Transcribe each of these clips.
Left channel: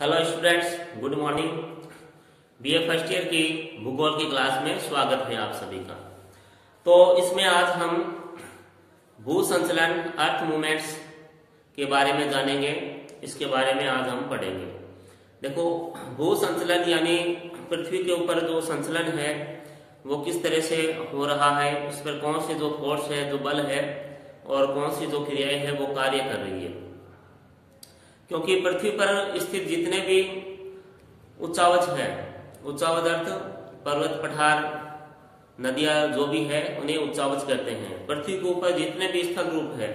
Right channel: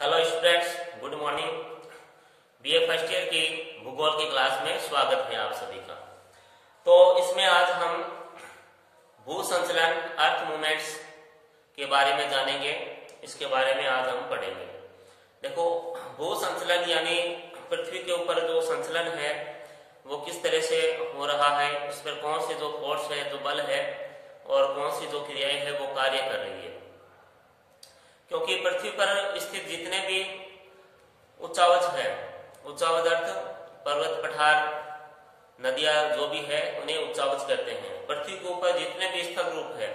Hello students, good morning. BA first year की भूगोल की क्लास में स्वागत है आप सभी का। तो इसमें आज हम भू संचलन अर्थ मूवमेंट्स के बारे में जानेंगे। इसके बारे में आज हम पढ़ेंगे। देखो, भू संचलन यानी पृथ्वी के ऊपर जो संचलन है वो किस तरह से हो रहा है, इस पर कौन से जो फोर्स है, जो बल है और कौन सी जो क्रियाएं है वो कार्य कर रही है। क्योंकि पृथ्वी पर स्थित जितने भी उच्चावच है, उच्चावच अर्थ पर्वत, पठार, नदियां जो भी है उन्हें उच्चावच कहते हैं। पृथ्वी के ऊपर जितने भी स्थल रूप है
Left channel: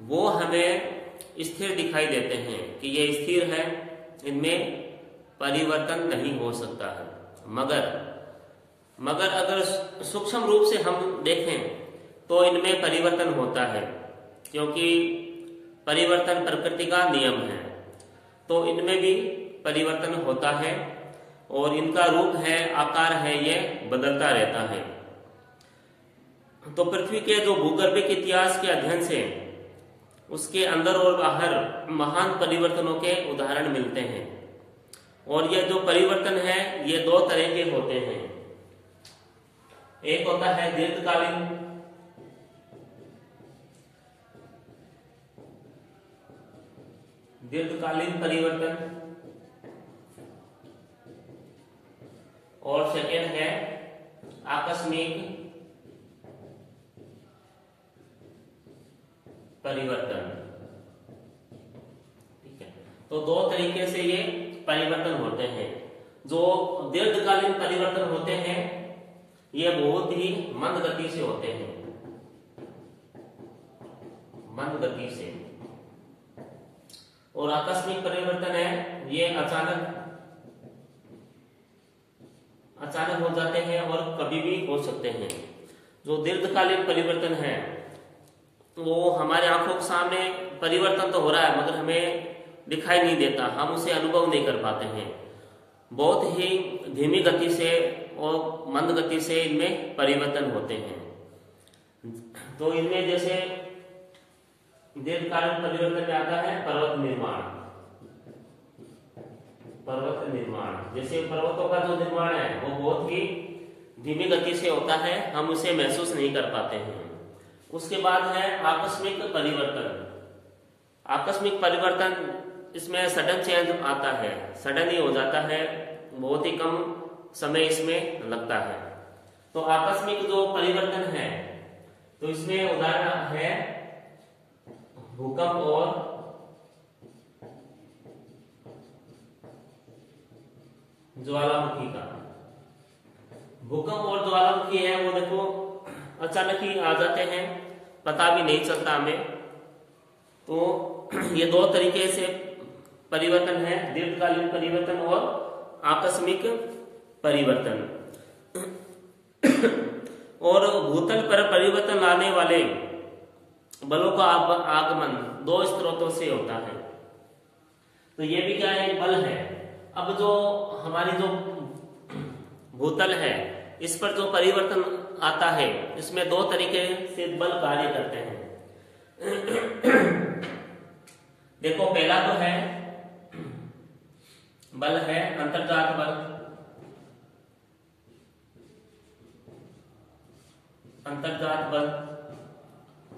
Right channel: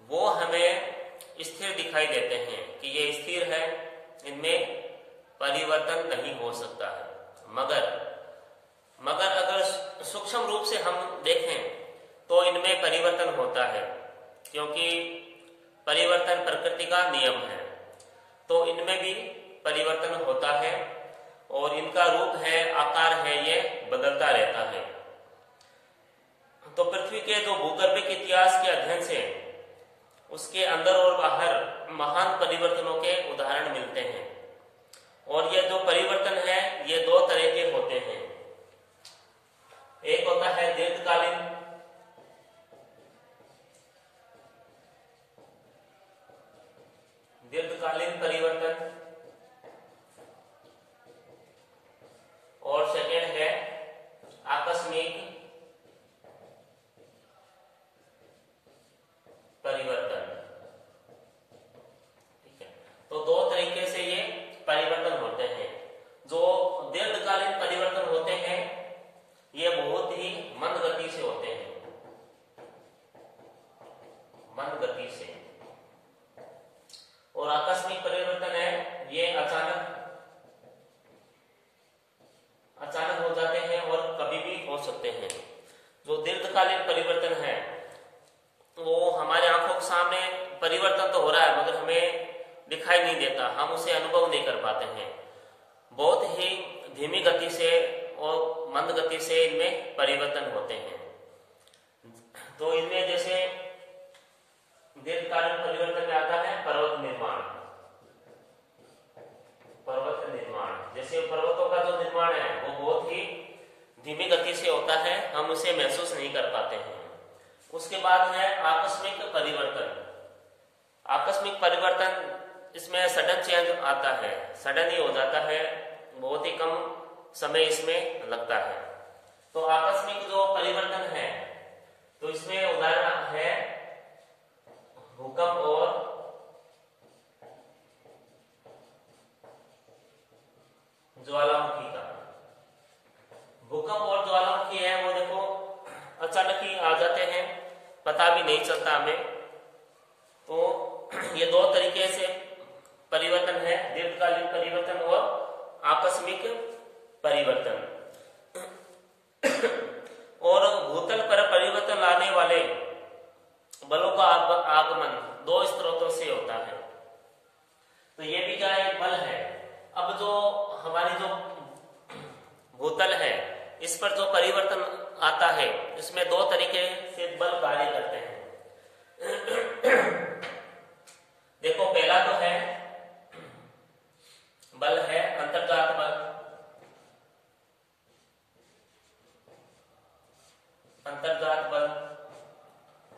वो हमें स्थिर दिखाई देते हैं कि ये स्थिर है, इनमें परिवर्तन नहीं हो सकता है। मगर अगर सूक्ष्म रूप से हम देखें तो इनमें परिवर्तन होता है, क्योंकि परिवर्तन प्रकृति का नियम है। तो इनमें भी परिवर्तन होता है और इनका रूप है, आकार है, ये बदलता रहता है। तो पृथ्वी के जो भूगर्भिक इतिहास के अध्ययन से उसके अंदर और बाहर महान परिवर्तनों के उदाहरण मिलते हैं। और ये जो परिवर्तन है ये दो तरह के होते हैं। एक होता है दीर्घकालीन परिवर्तन और सेकेंड है आकस्मिक परिवर्तन। ठीक है, तो दो तरीके से ये परिवर्तन होते हैं। जो दीर्घकालीन परिवर्तन होते हैं ये बहुत ही मंद गति से होते हैं, मंद गति से। और आकस्मिक परिवर्तन है ये अचानक हो जाते हैं और कभी भी हो सकते हैं। जो दीर्घकालीन परिवर्तन है वो हमारे आंखों के सामने परिवर्तन तो हो रहा है मगर हमें दिखाई नहीं देता, हम उसे अनुभव नहीं कर पाते हैं। बहुत ही धीमी गति से और मंद गति से इनमें परिवर्तन होते हैं। तो इनमें जैसे दीर्घकालीन परिवर्तन में आता है पर्वत निर्माण। जैसे पर्वतों का जो निर्माण है वो बहुत ही धीमी गति से होता है, हम उसे महसूस नहीं कर पाते हैं। उसके बाद है आकस्मिक परिवर्तन। इसमें सडन चेंज आता है, सडन ही हो जाता है, बहुत ही कम समय इसमें लगता है। तो आकस्मिक जो परिवर्तन है तो इसमें उदाहरण है भूकंप और ज्वालामुखी का। भूकंप और ज्वालामुखी है वो देखो अचानक ही आ जाते हैं, पता भी नहीं चलता हमें। तो ये दो तरीके से परिवर्तन है, दीर्घकालीन परिवर्तन और आकस्मिक परिवर्तन। और भूतल पर परिवर्तन लाने वाले बलों का आगमन दो स्रोतों से होता है। तो ये भी क्या है, बल है। अब जो हमारी जो भूतल है इस पर जो परिवर्तन आता है इसमें दो तरीके से बल कार्य करते हैं। देखो, पहला तो है बल है अंतर्जात बल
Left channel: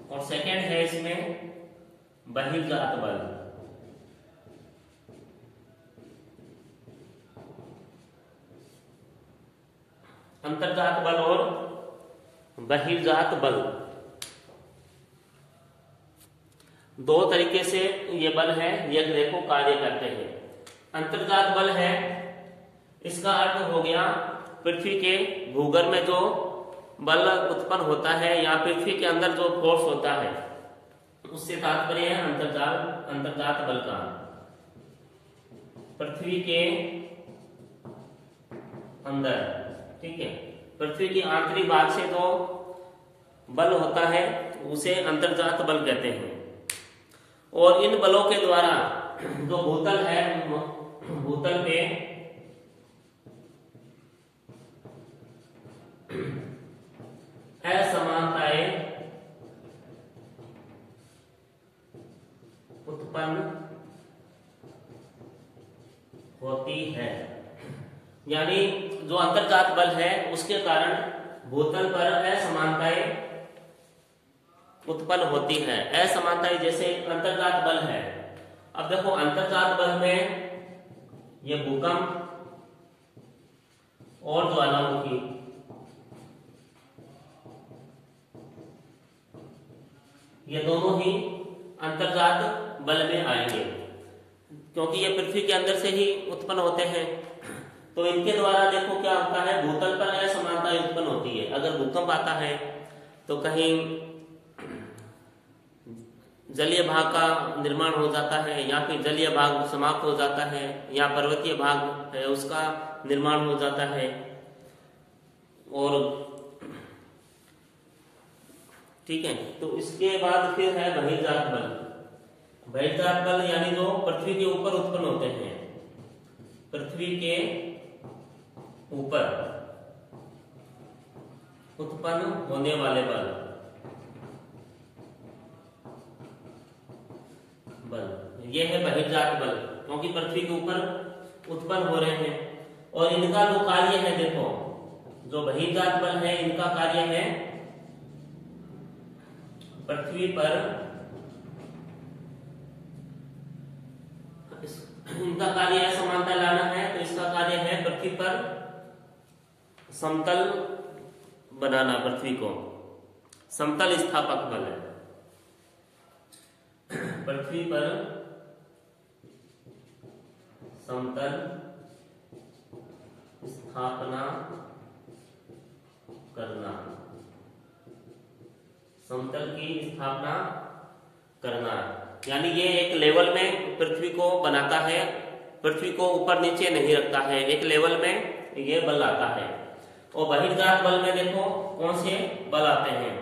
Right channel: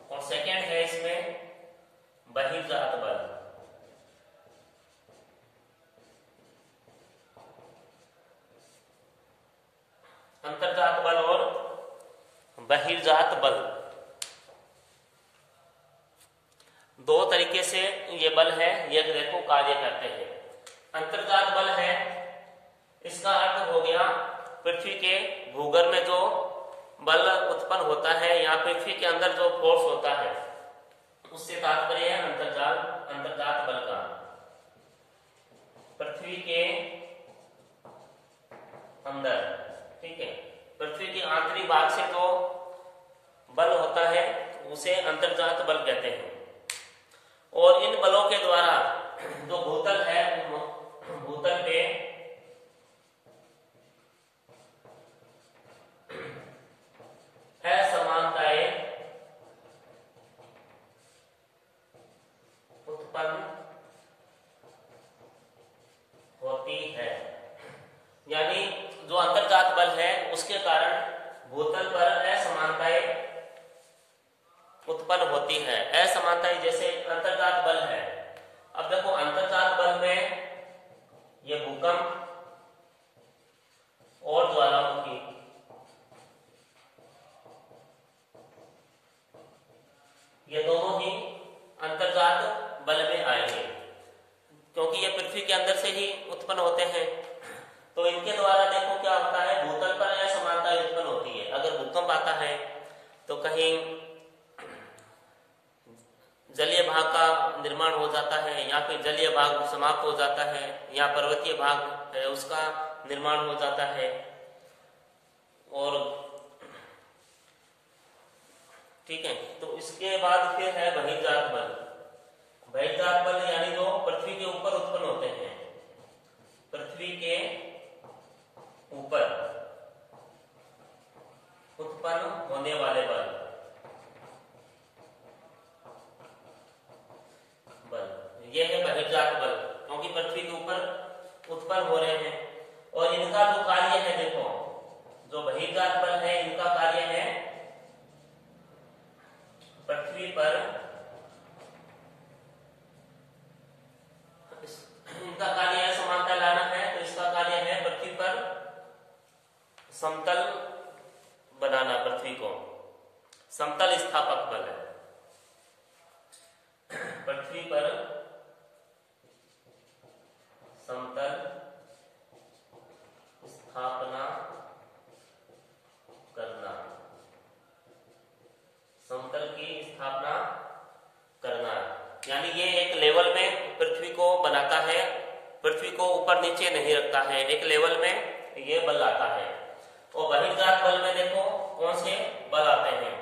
और सेकेंड है इसमें बहिर्जात बल। अंतर्जात बल और बहिर्जात बल दो तरीके से ये बल है, ये ग्रह को कार्य करते हैं। अंतर्जात बल है, इसका अर्थ हो गया पृथ्वी के भूगर्भ में जो बल उत्पन्न होता है या पृथ्वी के अंदर जो फोर्स होता है उससे तात्पर्य है अंतर्जात बल का। पृथ्वी के अंदर, ठीक है, पृथ्वी के आंतरिक भाग से जो बल होता है उसे अंतर्जात बल कहते हैं। और इन बलों के द्वारा जो भूतल है, भूतल पे असमानताएं उत्पन्न होती है। यानी जो अंतर्जात बल है उसके कारण भूतल पर असमानताएं उत्पन्न होती है। असमानताएं जैसे अंतर्जात बल है। अब देखो अंतर्जात बल में ये भूकंप और ज्वालामुखी ये दोनों ही अंतर्जात बल में आएंगे, क्योंकि ये पृथ्वी के अंदर से ही उत्पन्न होते हैं। तो इनके द्वारा देखो क्या होता है, भूतल पर असमानता उत्पन्न होती है। अगर भूकंप आता है तो कहीं जलीय भाग का निर्माण हो जाता है, या फिर जलीय भाग समाप्त हो जाता है, या पर्वतीय भाग है उसका निर्माण हो जाता है। और ठीक है, तो इसके बाद फिर है बहिर्जात बल। बहिर्जात बल यानी जो पृथ्वी के ऊपर उत्पन्न होते हैं, पृथ्वी के ऊपर उत्पन्न होने वाले बल ये है बहिर्जात बल, क्योंकि पृथ्वी के ऊपर उत्पन्न हो रहे हैं। और इनका जो कार्य है, देखो जो बहिर्जात बल है इनका कार्य है पृथ्वी पर, इनका कार्य असमानता लाना है, तो इसका कार्य है पृथ्वी पर समतल बनाना, पृथ्वी को समतल स्थापक बल है। पृथ्वी पर समतल स्थापना करना, समतल की स्थापना करना, यानी ये एक लेवल में पृथ्वी को बनाता है, पृथ्वी को ऊपर नीचे नहीं रखता है, एक लेवल में ये बल आता है। और बहिर्जात बल में देखो कौन से बल आते हैं।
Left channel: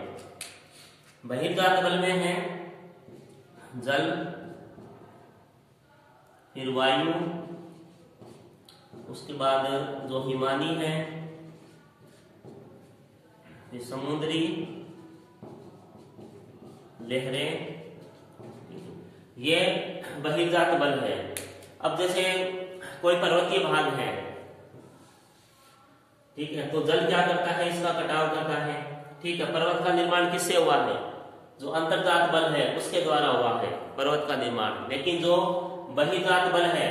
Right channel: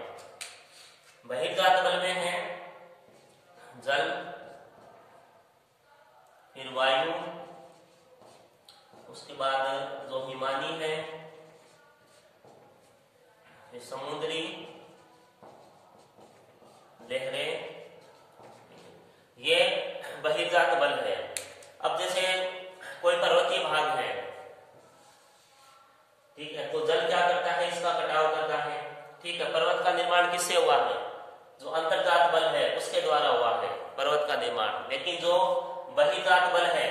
बहिर्जात बल में है जल, फिर वायु, उसके बाद जो हिमानी है, फिर समुद्री लहरें, ये बहिर्जात बल है। अब जैसे कोई पर्वतीय भाग है, ठीक है, तो जल क्या करता है, इसका कटाव करता है। ठीक है, पर्वत का निर्माण किससे हुआ है, जो अंतर्जात बल है उसके द्वारा हुआ है पर्वत का निर्माण। लेकिन जो बहिर्जात बल है,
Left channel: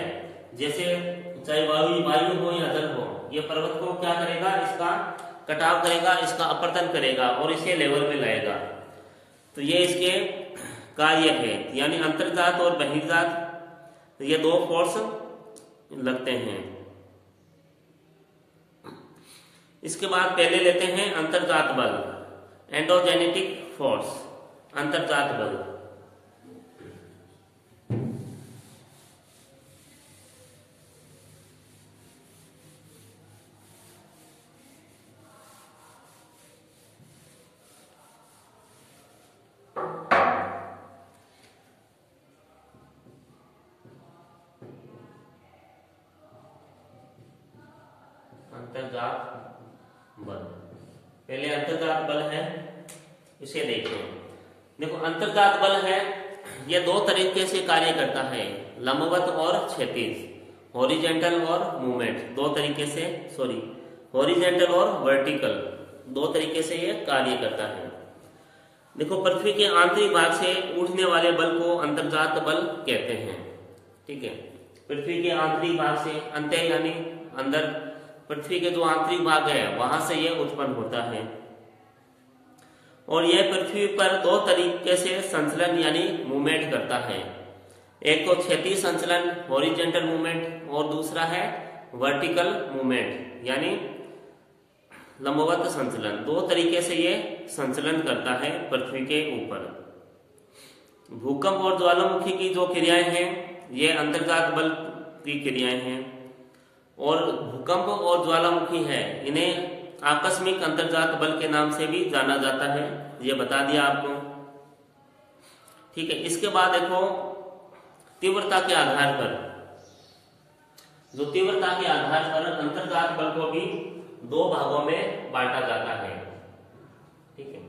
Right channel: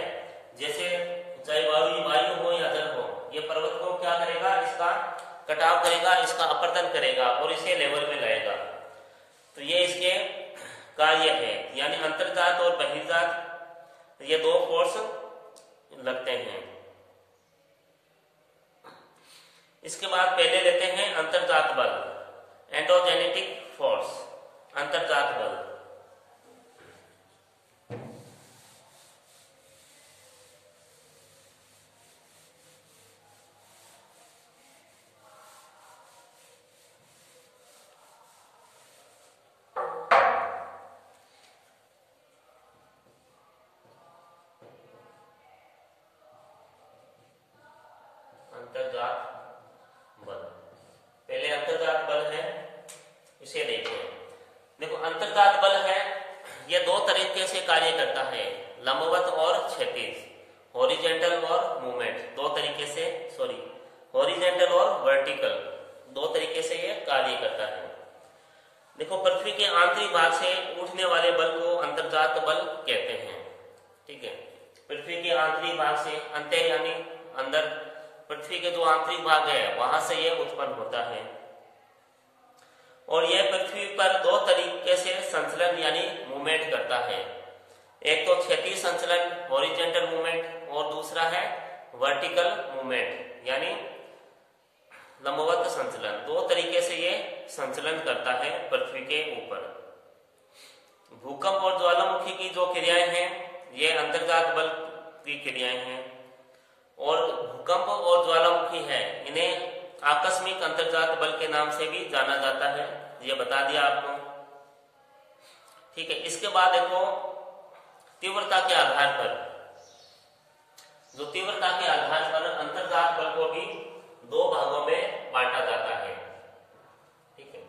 जैसे चाहे वायु हो या जल हो, ये पर्वत को क्या करेगा, इसका कटाव करेगा, इसका अपरदन करेगा और इसे लेवल में लाएगा। तो ये इसके कार्य है। यानी अंतर्जात और बहिर्जात ये दो फोर्स लगते हैं। इसके बाद पहले लेते हैं अंतर्जात बल, एंडोजेनेटिक फोर्स, अंतर्जात बल। अंतर्जात बल, पहले अंतर्जात बल है इसे देखते हैं। देखो अंतर्जात बल है, ये दो तरीके से कार्य करता है, लंबवत और क्षैतिज, हॉरिजेंटल और मूवमेंट, दो तरीके से, सॉरी हॉरिजेंटल और वर्टिकल, दो तरीके से ये कार्य करता है। देखो पृथ्वी के आंतरिक भाग से उठने वाले बल को अंतर्जात बल कहते हैं। ठीक है, पृथ्वी के आंतरिक भाग से, अंत्य यानी अंदर, पृथ्वी के जो आंतरिक भाग है वहां से यह उत्पन्न होता है। और यह पृथ्वी पर दो तरीके से संचलन यानी मूवमेंट करता है। एक तो क्षैतिज संचलन हॉरिजेंटल मूवमेंट, और दूसरा है वर्टिकल मूवमेंट यानी लंबवत संचलन। दो तरीके से ये संचलन करता है पृथ्वी के ऊपर। भूकंप और ज्वालामुखी की जो क्रियाएं हैं ये अंतर्जात बल की क्रियाएं हैं, और भूकंप और ज्वालामुखी है इन्हें आकस्मिक अंतर्जात बल के नाम से भी जाना जाता है, ये बता दिया आपको। ठीक है, इसके बाद देखो तीव्रता के आधार पर, जो तीव्रता के आधार पर अंतर्जात बल को भी दो भागों में बांटा जाता है। ठीक है,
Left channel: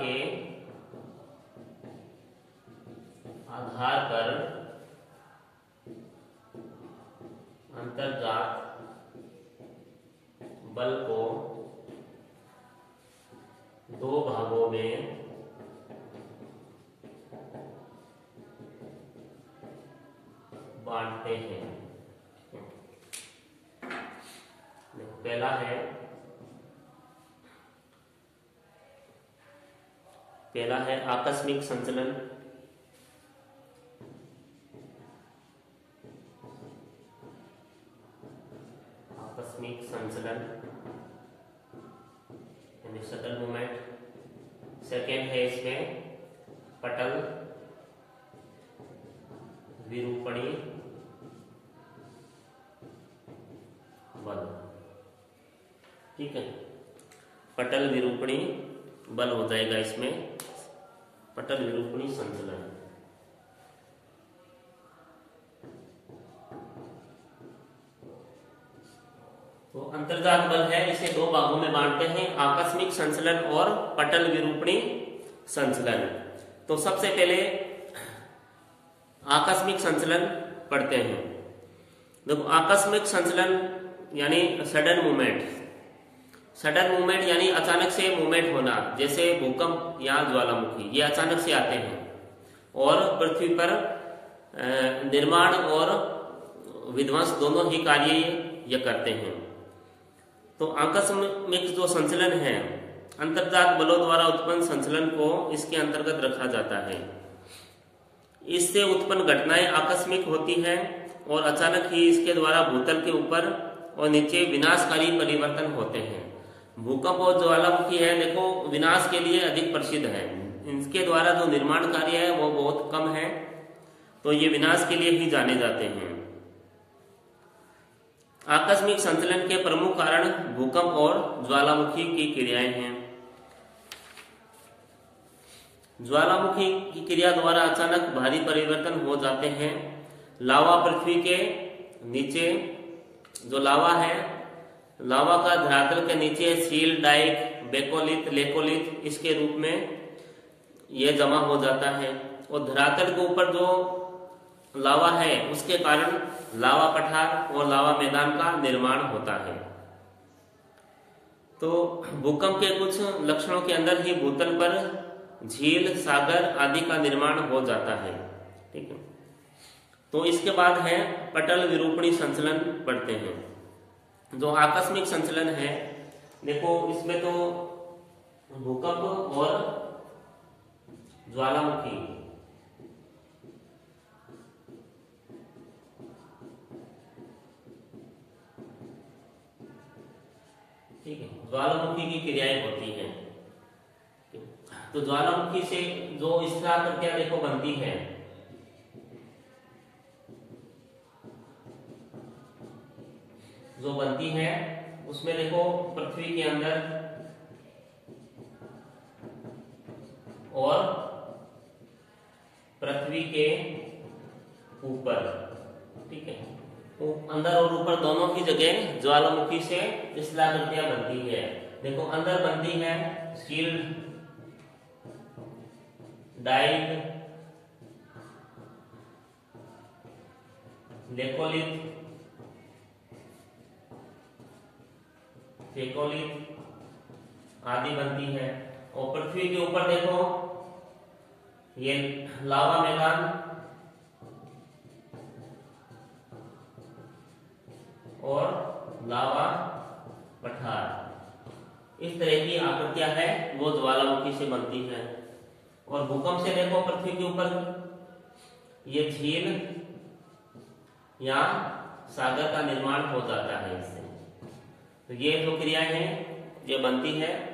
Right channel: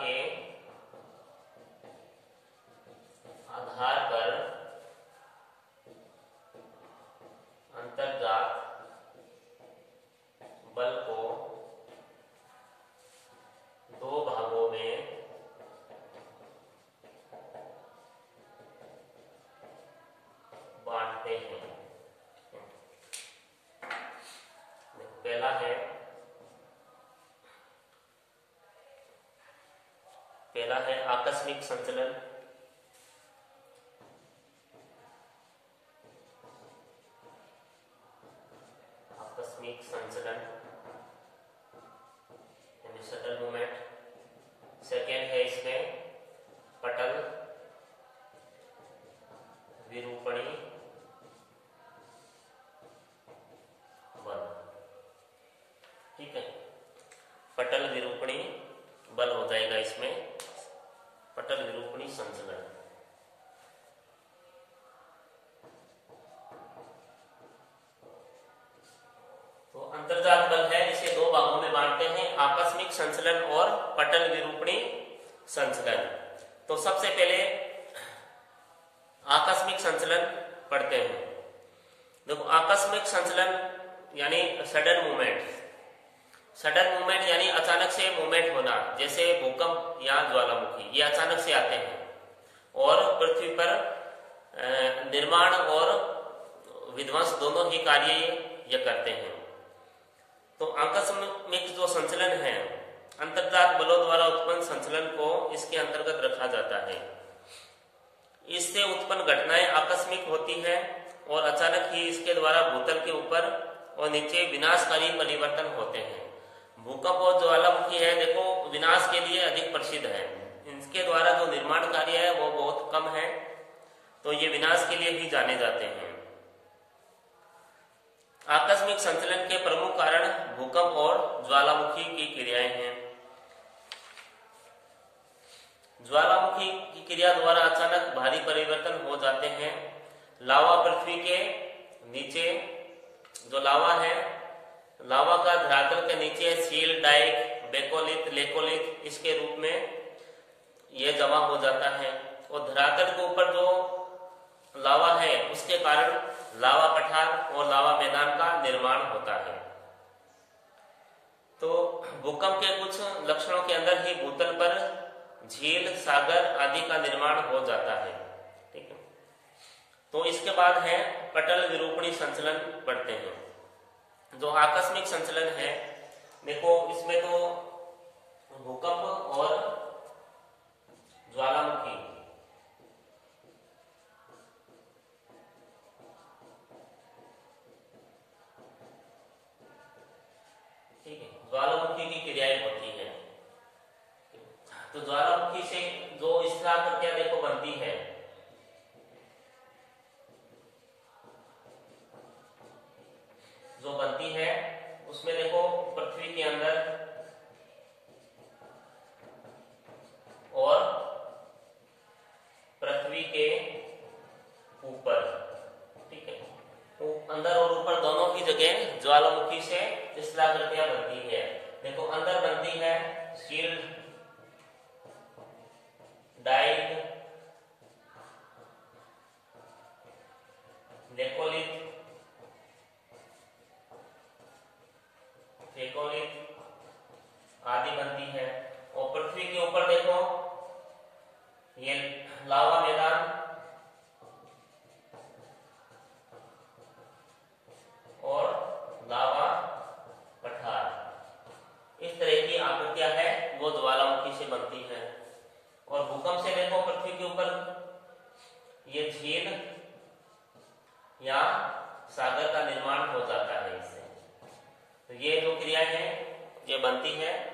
के आधार पर अंतर्जात बल को दो भागों में बांटते हैं। पहला है आकस्मिक संचलन। आकस्मिक संचलन यानी सडन मूवमेंट। सेकेंड है इसमें पटल विरूपणी बल। ठीक है, पटल विरूपणी बल हो जाएगा इसमें, पटल विरूपणी संचलन। तो अंतर्जात बल है, इसे दो भागों में बांटते हैं, आकस्मिक संचलन और पटल विरूपणी संचलन। तो सबसे पहले आकस्मिक संचलन पढ़ते हैं। देखो, आकस्मिक संचलन यानी सडन मूवमेंट। सडन मूवमेंट यानी अचानक से मूवमेंट होना, जैसे भूकंप या ज्वालामुखी, ये अचानक से आते हैं और पृथ्वी पर निर्माण और विध्वंस दोनों ही कार्य ये करते हैं। तो आकस्मिक जो संचलन है, अंतर्जात बलों द्वारा उत्पन्न संचलन को इसके अंतर्गत रखा जाता है। इससे उत्पन्न घटनाएं आकस्मिक होती है और अचानक ही इसके द्वारा भूतल के ऊपर और नीचे विनाशकारी परिवर्तन होते हैं। भूकंप और ज्वालामुखी है, देखो, विनाश के लिए अधिक प्रसिद्ध है। इनके द्वारा जो निर्माण कार्य है वो बहुत कम है, तो ये विनाश के लिए ही जाने जाते हैं। आकस्मिक संचलन के प्रमुख कारण भूकंप और ज्वालामुखी की क्रियाएं हैं। ज्वालामुखी की क्रिया द्वारा अचानक भारी परिवर्तन हो जाते हैं। लावा पृथ्वी के नीचे, जो लावा है, लावा का धरातल के नीचे सील, डाइक, बेकोलिथ, लेकोलिथ इसके रूप में यह जमा हो जाता है और धरातल के ऊपर जो लावा है उसके कारण लावा पठार और लावा मैदान का निर्माण होता है। तो भूकंप के कुछ लक्षणों के अंदर ही भूतल पर झील, सागर आदि का निर्माण हो जाता है। ठीक है, तो इसके बाद है पटल विरूपणी संचलन पढ़ते हैं। जो आकस्मिक संचलन है, देखो, इसमें तो भूकंप और ज्वालामुखी, ठीक है, ज्वालामुखी की क्रियाएं होती हैं। तो ज्वालामुखी से जो स्थिराकृतियां देखो बनती है, जो बनती है उसमें देखो पृथ्वी के अंदर और पृथ्वी के ऊपर, ठीक है, तो अंदर और ऊपर दोनों की जगह ज्वालामुखी से शिलाकृतियां बनती है। देखो, अंदर बनती है शील्ड, डाइक, लेकोलिथ, फेकोलिथ आदि बनती है। और पृथ्वी के ऊपर देखो ये लावा मैदान और लावा पठार, इस तरह की आकृतियां है वो ज्वालामुखी से बनती है। और भूकंप से देखो पृथ्वी के ऊपर ये झील या सागर का निर्माण हो जाता है इससे। तो ये जो क्रियाएं हैं ये बनती है।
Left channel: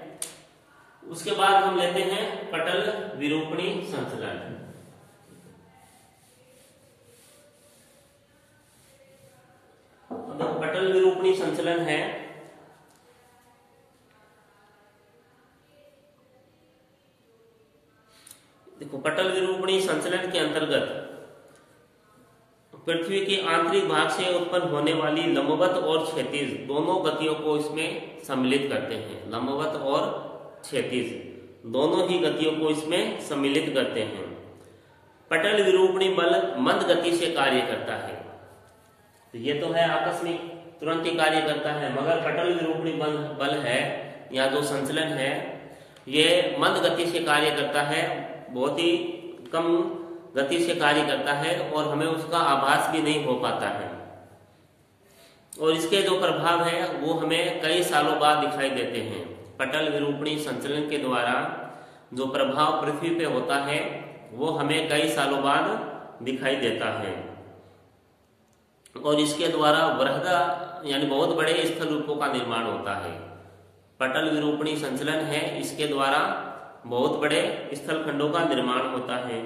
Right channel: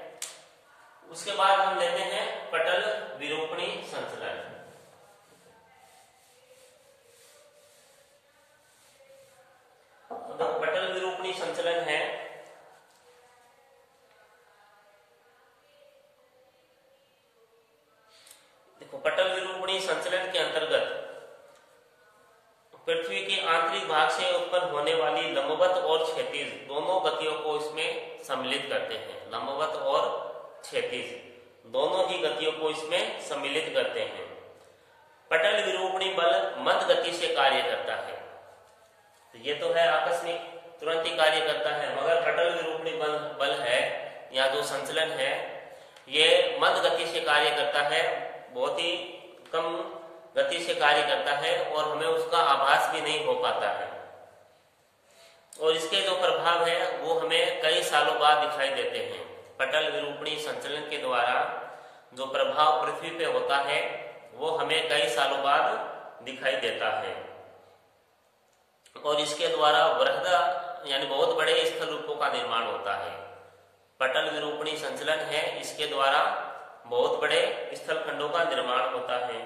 उसके बाद हम लेते हैं पटल विरूपणी संचलन। तो पटल विरूपणी संचलन है, देखो, पटल विरूपणी संचलन के अंतर्गत पृथ्वी के आंतरिक भाग से उत्पन्न होने वाली लंबवत और क्षैतिज दोनों गतियों को इसमें सम्मिलित करते हैं। लंबवत और क्षैतिज दोनों ही गतियों को इसमें सम्मिलित करते हैं। पटल विरूपणी बल मंद गति से कार्य करता है। तो ये तो है आकस्मिक, तुरंत ही कार्य करता है, मगर पटल विरूपणी बल है या जो संचलन है ये मंद गति से कार्य करता है, बहुत ही कम गति से कार्य करता है और हमें उसका आभास भी नहीं हो पाता है। और इसके जो प्रभाव है वो हमें कई सालों बाद दिखाई देते हैं। पटल विरूपणी संचलन के द्वारा जो प्रभाव पृथ्वी पे होता है वो हमें कई सालों बाद दिखाई देता है और इसके द्वारा वृहद यानी बहुत बड़े स्थल रूपों का निर्माण होता है। पटल विरूपणी संचलन है, इसके द्वारा बहुत बड़े स्थल खंडों का निर्माण होता है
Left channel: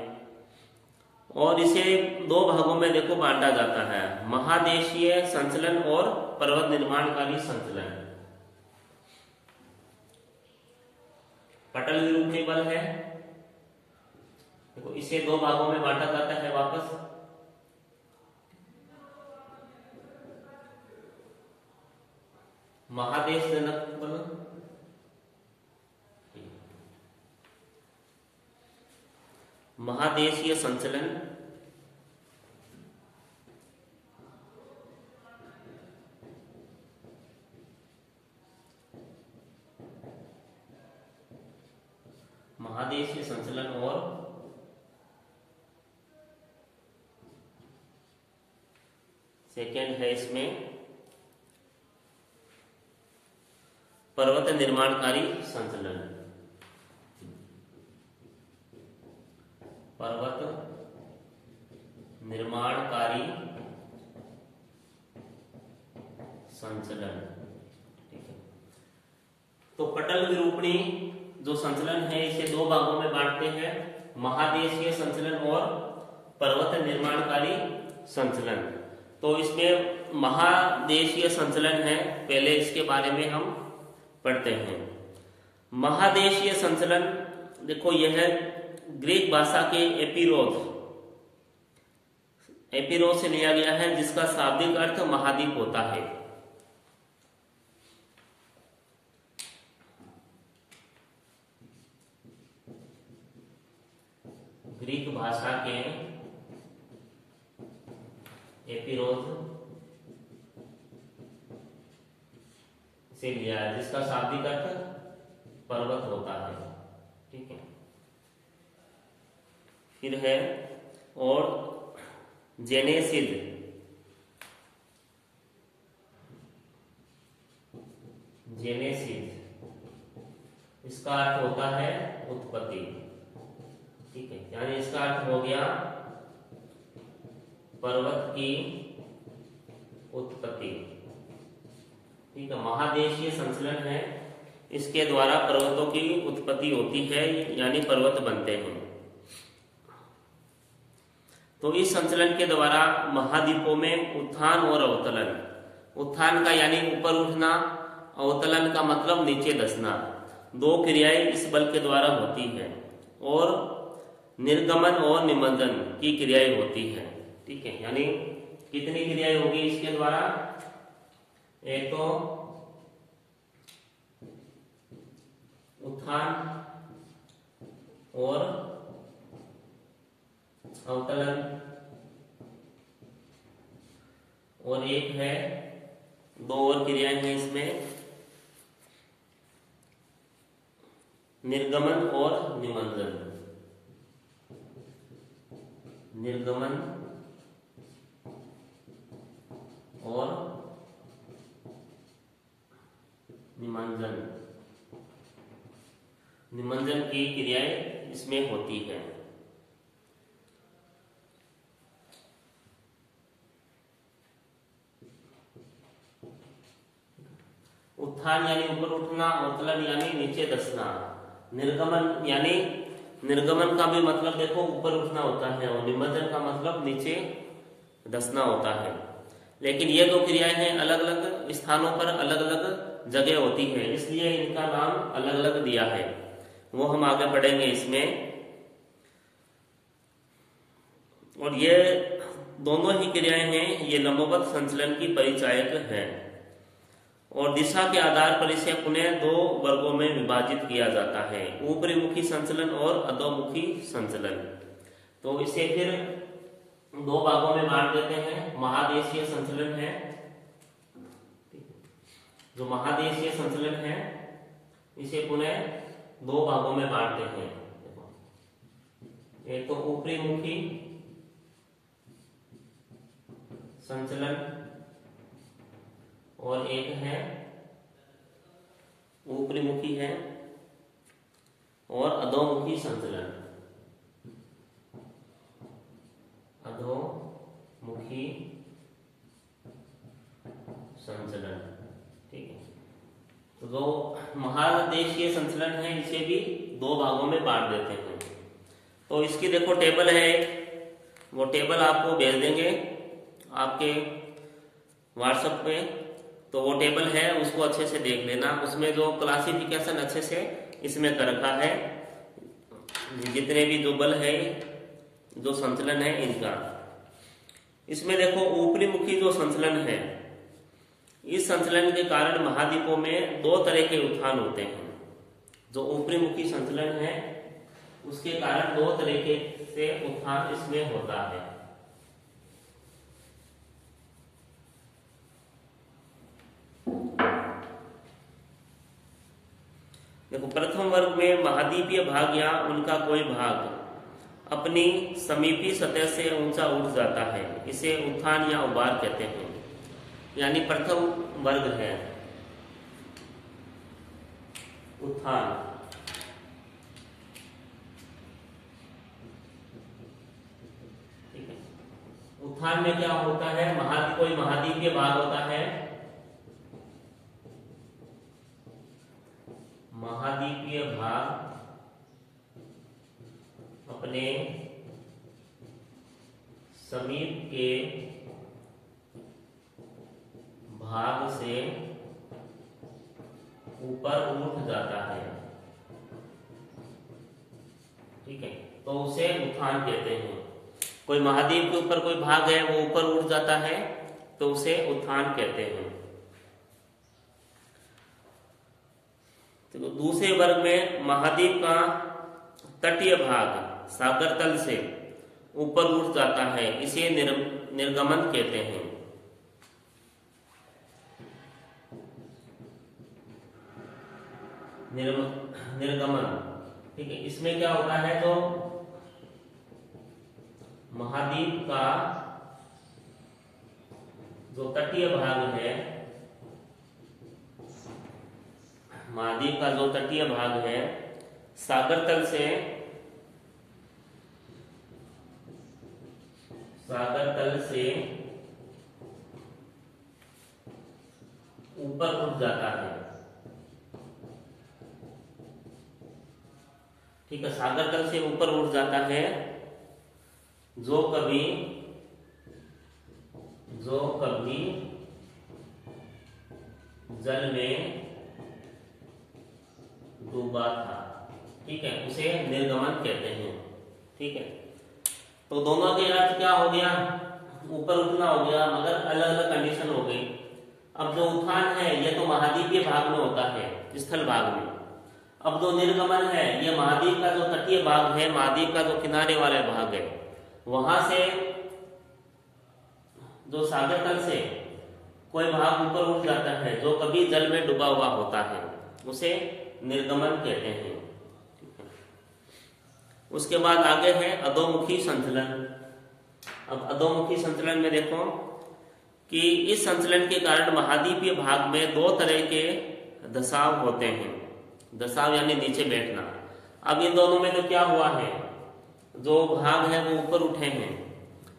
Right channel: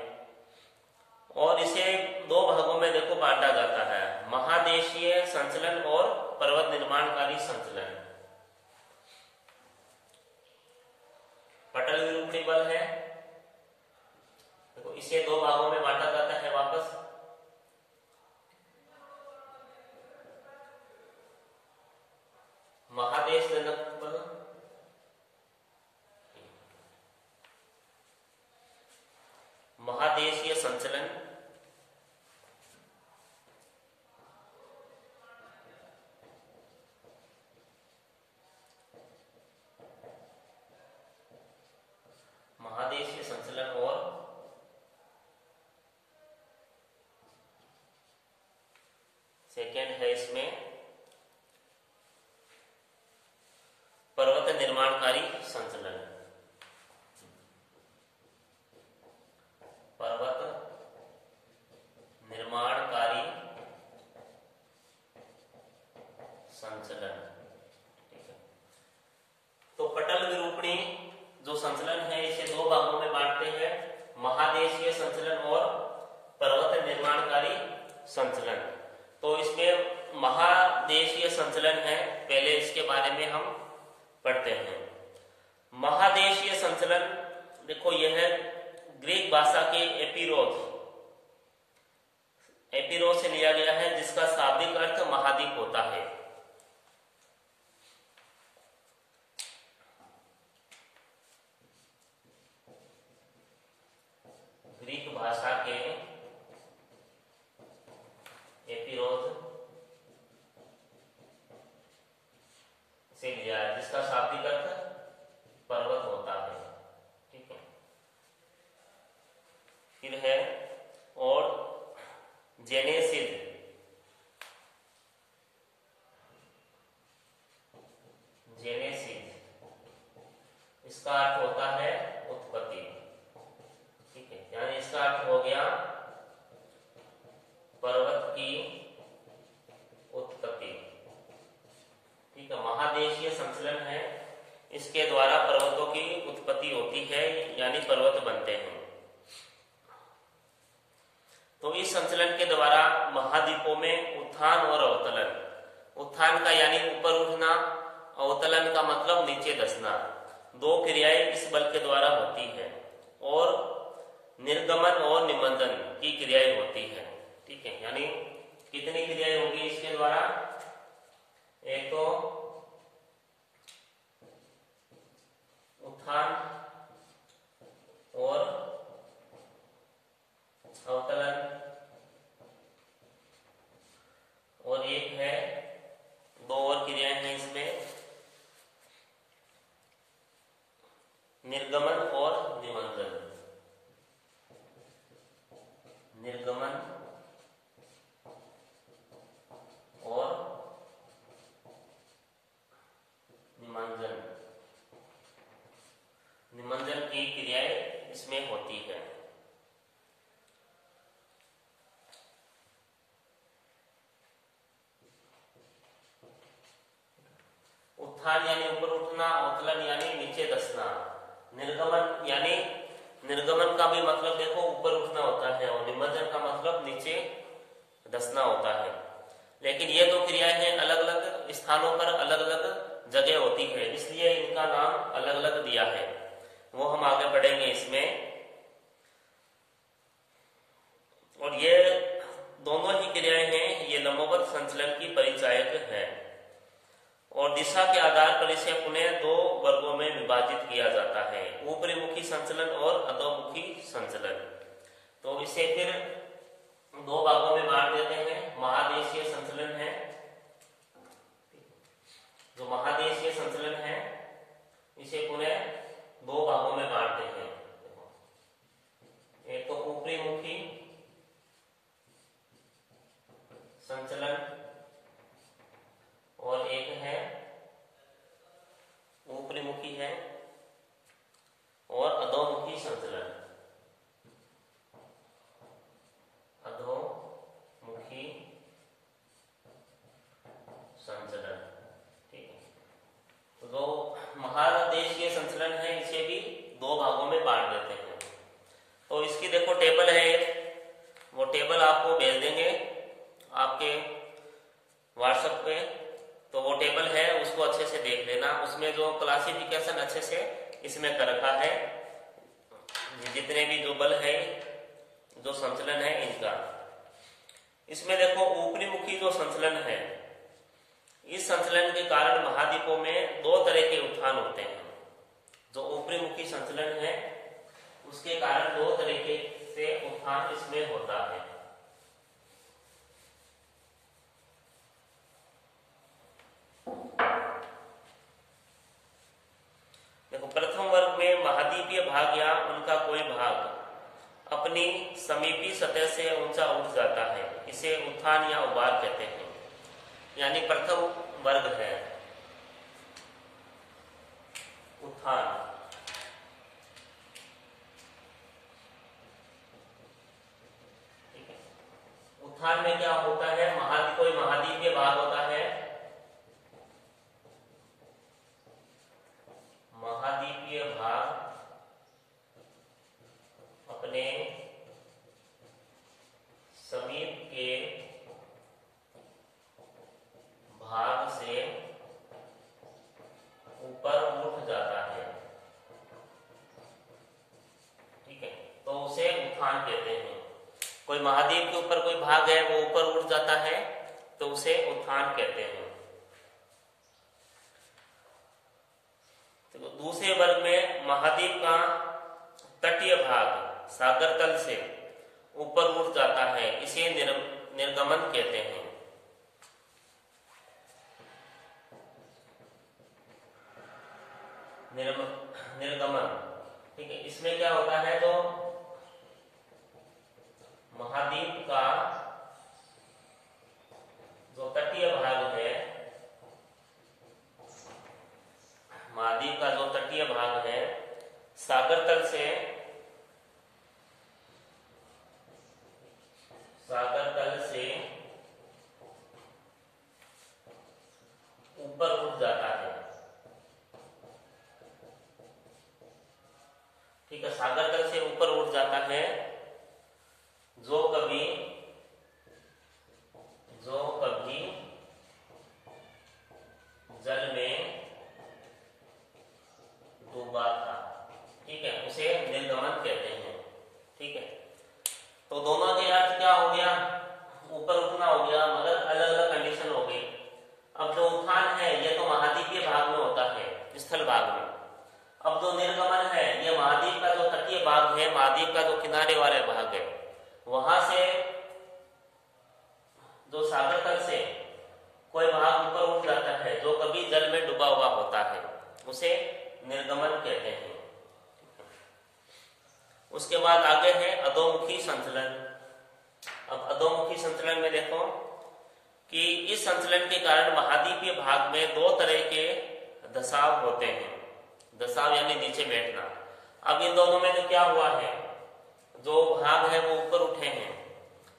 और इसे दो भागों में देखो बांटा जाता है, महादेशीय संचलन और पर्वत निर्माणकारी संचलन। पटल विरूपणी बल है, देखो इसे दो भागों में बांटा जाता है वापस। महादेश जनक बल, महादेशीय संचलन, महादेशीय संचलन और सेकेंड है इसमें पर्वत निर्माणकारी संचलन। पर्वत निर्माणकारी संचलन, ठीक है। तो पटल विरूपणी जो संचलन है इसे दो भागों में बांटते हैं, महादेशीय संचलन और पर्वत निर्माणकारी संचलन। तो इसमें महादेशीय संचलन है, पहले इसके बारे में हम पढ़ते हैं। महादेशीय संचलन देखो यह है ग्रीक भाषा के एपिरोस से लिया गया है, जिसका शाब्दिक अर्थ महाद्वीप होता है। ग्रीक भाषा के एपिरोस से लिया है, जिसका शाब्दिक अर्थ पर्वत होता है, ठीक है। फिर है और जेनेसिस, इसका अर्थ होता है उत्पत्ति, ठीक है। यानी इसका अर्थ हो गया पर्वत की उत्पत्ति, ठीक है। महादेशीय संचलन है, इसके द्वारा पर्वतों की उत्पत्ति होती है, यानी पर्वत बनते हैं। तो इस संचलन के द्वारा महाद्वीपों में उत्थान और अवतलन, उत्थान का यानी ऊपर उठना, अवतलन का मतलब नीचे धंसना, दो क्रियाएं इस बल के द्वारा होती है और निर्गमन और निमंजन की क्रियाएं होती है, ठीक है। यानी कितनी क्रियाएं होगी इसके द्वारा, एक तो उत्थान और अवतलन और एक है, दो और क्रियाएं हैं इसमें, निर्गमन और निमंजन। निर्गमन और निमंजन, निमंजन की क्रियाएं इसमें होती है। उत्थान यानी ऊपर उठना, अवतलन यानी नीचे धंसना, निर्गमन यानी निर्गमन का भी मतलब देखो ऊपर उठना होता है और निमंजन का मतलब नीचे धंसना होता है। लेकिन ये दो क्रियाएं हैं अलग अलग स्थानों पर अलग अलग जगह होती है, इसलिए इनका नाम अलग अलग दिया है, वो हम आगे पढ़ेंगे इसमें। और ये दोनों ही क्रियाएं हैं, ये लंबवत संचलन की परिचायक है। और दिशा के आधार पर इसे पुनः दो वर्गों में विभाजित किया जाता है, ऊपरी मुखी संचलन और अधोमुखी संचलन। तो इसे फिर दो भागों में बांट देते हैं। महादेशीय संचलन है, जो महादेशीय संचलन है इसे पुनः दो भागों में बांटते हैं। एक तो ऊपरी मुखी संचलन और एक है ऊपरी मुखी है और अधोमुखी संचलन। अधोमुखी संचलन, ठीक है। तो जो महादेशीय संचलन है इसे भी दो भागों में बांट देते हैं। तो इसकी देखो टेबल है एक, वो टेबल आपको भेज देंगे आपके व्हाट्सएप पे। तो वो टेबल है, उसको अच्छे से देख लेना। उसमें जो क्लासिफिकेशन अच्छे से इसमें कर रखा है, जितने भी जो बल है, जो संचलन है इनका। इसमें देखो ऊपरी मुखी जो संचलन है, इस संचलन के कारण महाद्वीपों में दो तरह के उत्थान होते हैं। जो ऊपरी मुखी संचलन है उसके कारण दो तरीके से उत्थान इसमें होता है। देखो प्रथम वर्ग में महाद्वीपीय भाग या उनका कोई भाग अपनी समीपी सतह से ऊंचा उठ जाता है, इसे उत्थान या उभार कहते हैं। यानी प्रथम वर्ग है उत्थान। ठीक है, उत्थान में क्या होता है, कोई महाद्वीपीय भाग होता है, महाद्वीपीय भाग अपने समीप के भाग से ऊपर उठ जाता है। ठीक है, तो उसे उत्थान कहते हैं। कोई महाद्वीप के ऊपर कोई भाग है वो ऊपर उठ जाता है तो उसे उत्थान कहते हैं। तो दूसरे वर्ग में महाद्वीप का तटीय भाग सागर तल से ऊपर उठ जाता है, इसे निर्गमन कहते हैं। निर्गमन, ठीक है। इसमें क्या होता है, जो महाद्वीप का जो तटीय भाग है, महाद्वीप का जो तटीय भाग है सागर तल से ऊपर उठ जाता है। ठीक है, सागर तल से ऊपर उठ जाता है, जो कभी जल में डूबा था। ठीक है, उसे निर्गमन कहते हैं। ठीक है, तो दोनों के अर्थ क्या हो गया, ऊपर उठना हो गया, मगर अलग अलग कंडीशन हो गई। अब जो उत्थान है यह तो महाद्वीपीय भाग में होता है, स्थल भाग में। अब जो निर्गमन है यह महाद्वीप का जो तटीय भाग है, महाद्वीप का जो किनारे वाले भाग है, वहां से जो सागर तल से कोई भाग ऊपर उठ जाता है, जो कभी जल में डूबा हुआ होता है, उसे निर्गमन कहते हैं। उसके बाद आगे है अधोमुखी संचलन। अब अधोमुखी संचलन में देखो कि इस संचलन के कारण महाद्वीपीय भाग में दो तरह के दशाव होते हैं। दशाव यानी नीचे बैठना। अब इन दोनों में तो क्या हुआ है, जो भाग है वो ऊपर उठे हैं।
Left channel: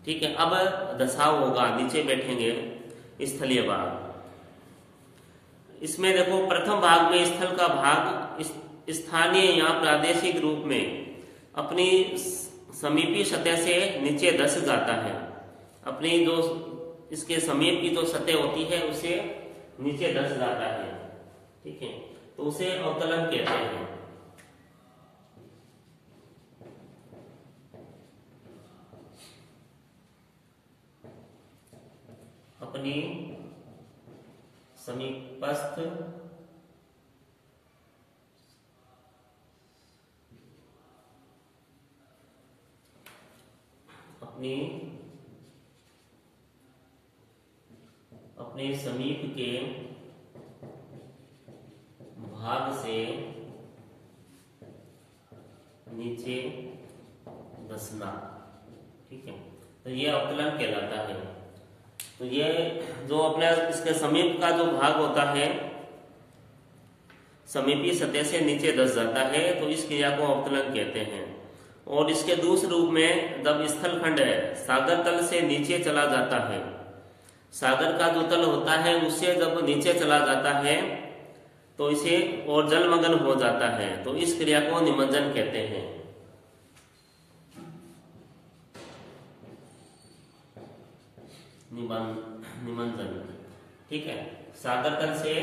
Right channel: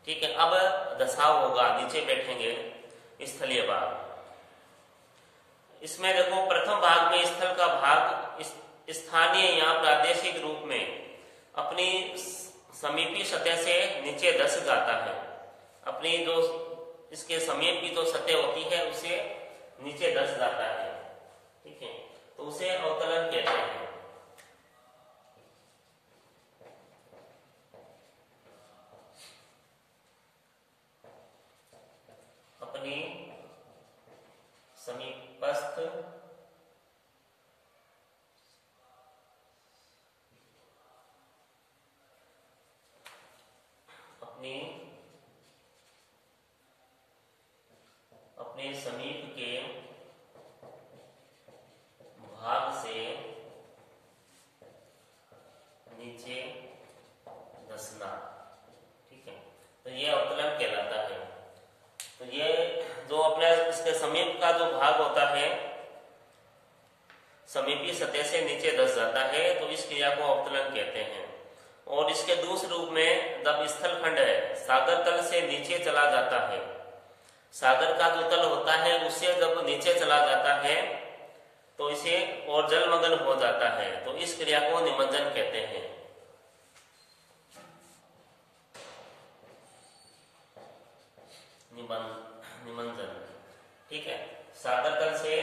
ठीक है, अब दशाव होगा, नीचे बैठेंगे, स्थलीय भाग। इसमें देखो प्रथम भाग में स्थल का भाग स्थानीय या प्रादेशिक रूप में अपनी समीपी सतह से नीचे धस जाता है। अपनी जो इसके समीप की जो सतह होती है उसे नीचे धस जाता है। ठीक है, तो उसे अवतलन कहते हैं। अपनी समीपस्थ अपने समीप के भाग से नीचे धंसना। ठीक है, तो ये अवतलन कहलाता है। तो ये जो अपने इसके समीप का जो भाग होता है, समीपी सतह से नीचे धंस जाता है, तो इस क्रिया को अवतलन कहते हैं। और इसके दूसरे रूप में जब स्थलखंड है सागर तल से नीचे चला जाता है, सागर का जो तल होता है उससे जब नीचे चला जाता है तो इसे और जलमग्न हो जाता है, तो इस क्रिया को निमज्जन कहते हैं। निमज्जन। ठीक है, सागर तल से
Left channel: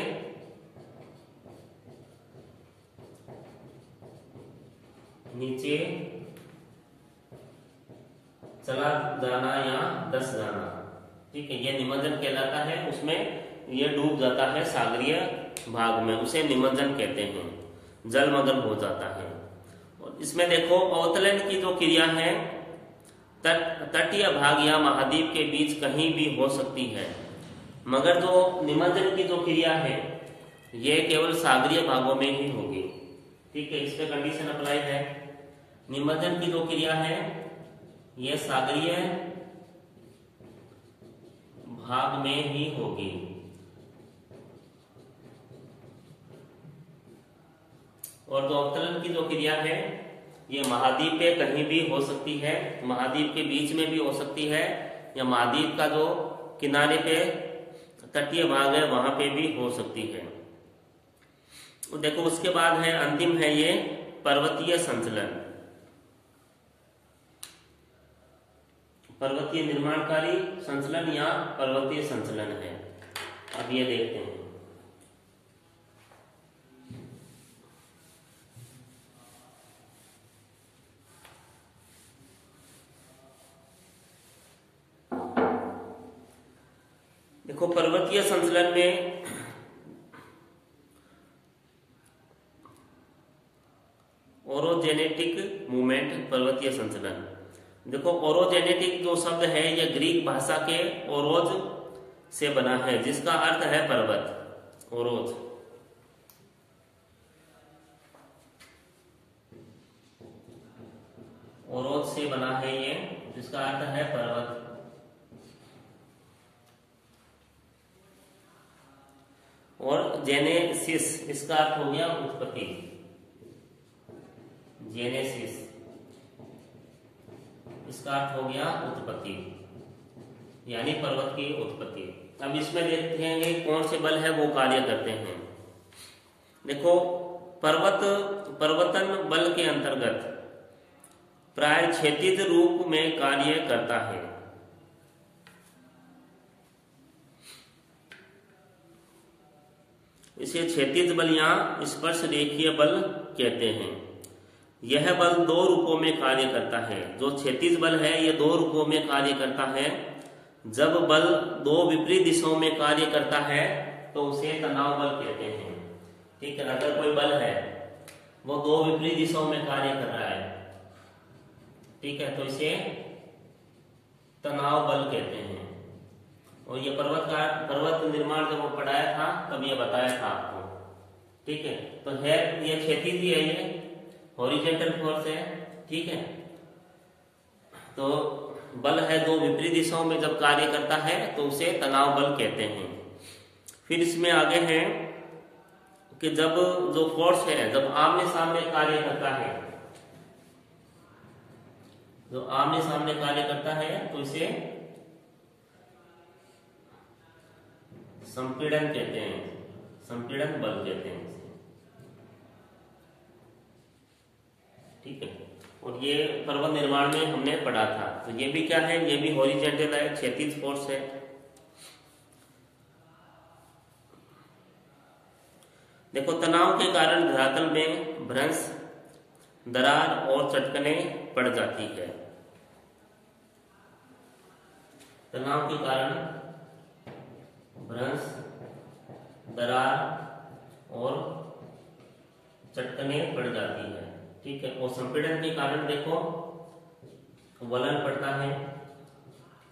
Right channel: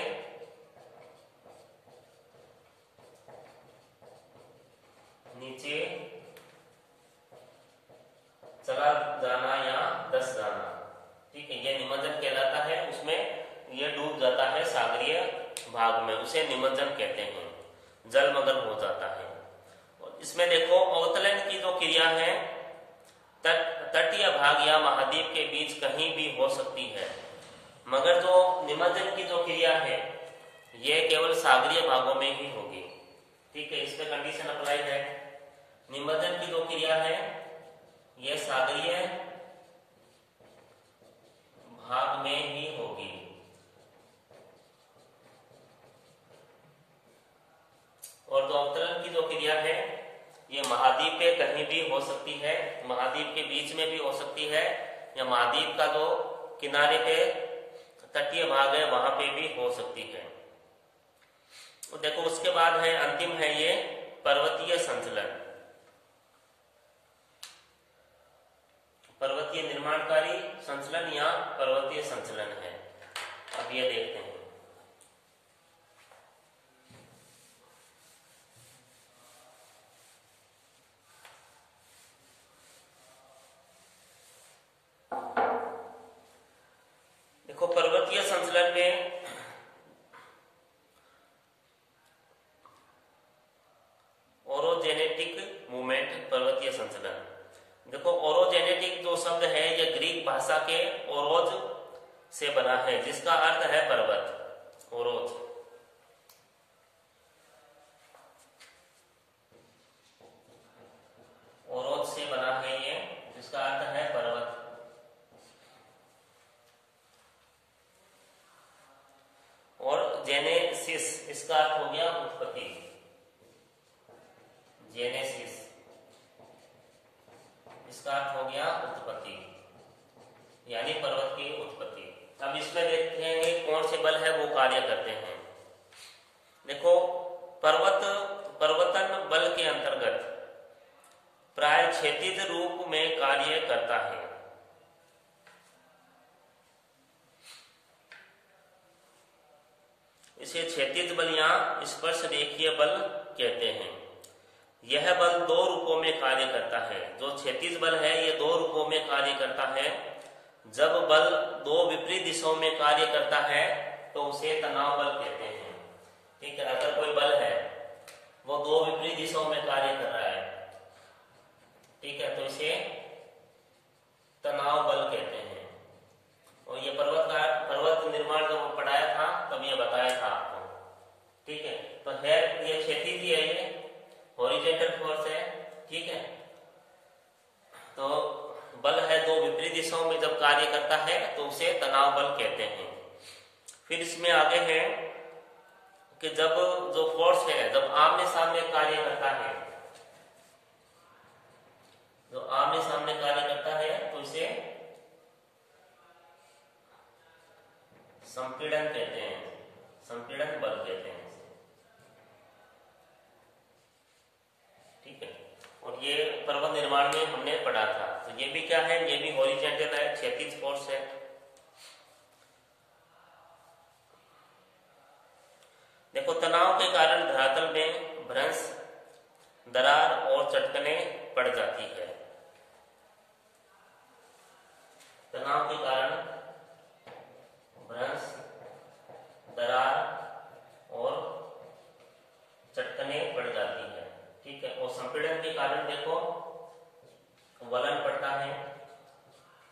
नीचे चला जाना या धंस जाना। ठीक है, यह निमज्जन कहलाता है। उसमें यह डूब जाता है सागरीय भाग में, उसे निमज्जन कहते हैं, जलमग्न हो जाता है। और इसमें देखो अवतलन की जो क्रिया है तटीय भाग या महाद्वीप के बीच कहीं भी हो सकती है, मगर जो निमज्जन की जो क्रिया है यह केवल सागरीय भागों में ही होगी। ठीक है, इस पे कंडीशन अप्लाई है। निमज्जन की जो क्रिया है यह सागरीय भाग में ही होगी। और जो अवतरण की जो क्रिया है ये महाद्वीप पे कहीं भी हो सकती है, महाद्वीप के बीच में भी हो सकती है, या महाद्वीप का जो किनारे पे तटीय भाग है वहां पे भी हो सकती है। तो देखो उसके बाद है अंतिम है ये पर्वतीय संचलन, पर्वतीय निर्माणकारी संचलन या पर्वतीय संचलन है। अब ये देखते हैं। देखो पर्वतीय संचलन में ओरोजेनेटिक मूवमेंट, पर्वतीय संचलन। देखो ओरोजेनेटिक जो शब्द है यह ग्रीक भाषा के ओरोज से बना है, जिसका अर्थ है पर्वत। ओरोज ओरोज से बना है ये, जिसका अर्थ है पर्वत। और जेनेसिस इसका अर्थ हो गया उत्पत्ति, जेनेसिस इसका अर्थ हो गया उत्पत्ति, यानी पर्वत की उत्पत्ति। अब इसमें देखते हैं कौन से बल है वो कार्य करते हैं। देखो पर्वतन बल के अंतर्गत प्राय क्षैतिज रूप में कार्य करता है। इसे क्षैतिज बल या स्पर्श रेखीय बल कहते हैं। यह बल दो रूपों में कार्य करता है। जो क्षैतिज बल है यह दो रूपों में कार्य करता है। जब बल दो विपरीत दिशाओं में कार्य करता है तो उसे तनाव बल कहते हैं। ठीक है, अगर कोई बल है वो दो विपरीत दिशाओं में कार्य कर रहा है, ठीक है, तो इसे तनाव बल कहते हैं। और ये पर्वत निर्माण जब पढ़ाया था तब ये बताया था आपको। ठीक है, तो है ये क्षैतिज ही है, ये हॉरिजॉन्टल फोर्स है। ठीक है, तो बल है दो विपरीत दिशाओं में जब कार्य करता है तो उसे तनाव बल कहते हैं। फिर इसमें आगे है कि जब जो फोर्स है जब आमने सामने कार्य करता है, जो आमने सामने कार्य करता है तो इसे संपीड़न कहते हैं, संपीड़न बल कहते हैं इसे। ठीक है, और ये पर्वत निर्माण में हमने पढ़ा था। तो ये भी क्या है, ये भी हॉरिजॉन्टल है, क्षैतिज फोर्स है। देखो तनाव के कारण धरातल में भ्रंश, दरार और चटकने पड़ जाती है। तनाव के कारण भ्रंश, दरार और चट्टानें पड़ जाती है। ठीक है, और संपीड़न के कारण देखो वलन पड़ता है।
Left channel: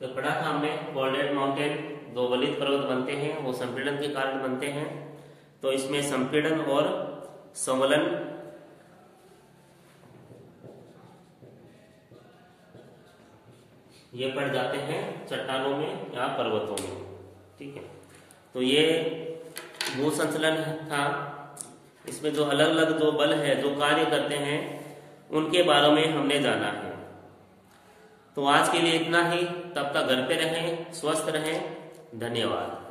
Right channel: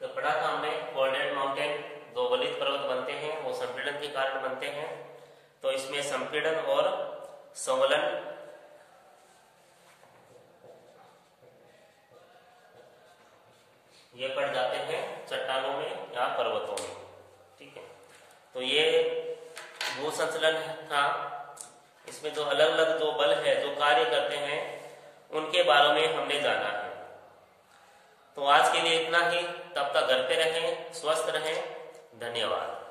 तो पढ़ा था हमने फोल्डेड माउंटेन, दो वलित पर्वत बनते हैं, वो संपीड़न के कारण बनते हैं। तो इसमें संपीड़न और संवलन ये पड़ जाते हैं चट्टानों में या पर्वतों में। ठीक है, तो ये भू संचलन था। इसमें जो अलग अलग जो बल है जो कार्य करते हैं उनके बारे में हमने जाना है। तो आज के लिए इतना ही, तब तक घर पे रहें, स्वस्थ रहें। धन्यवाद।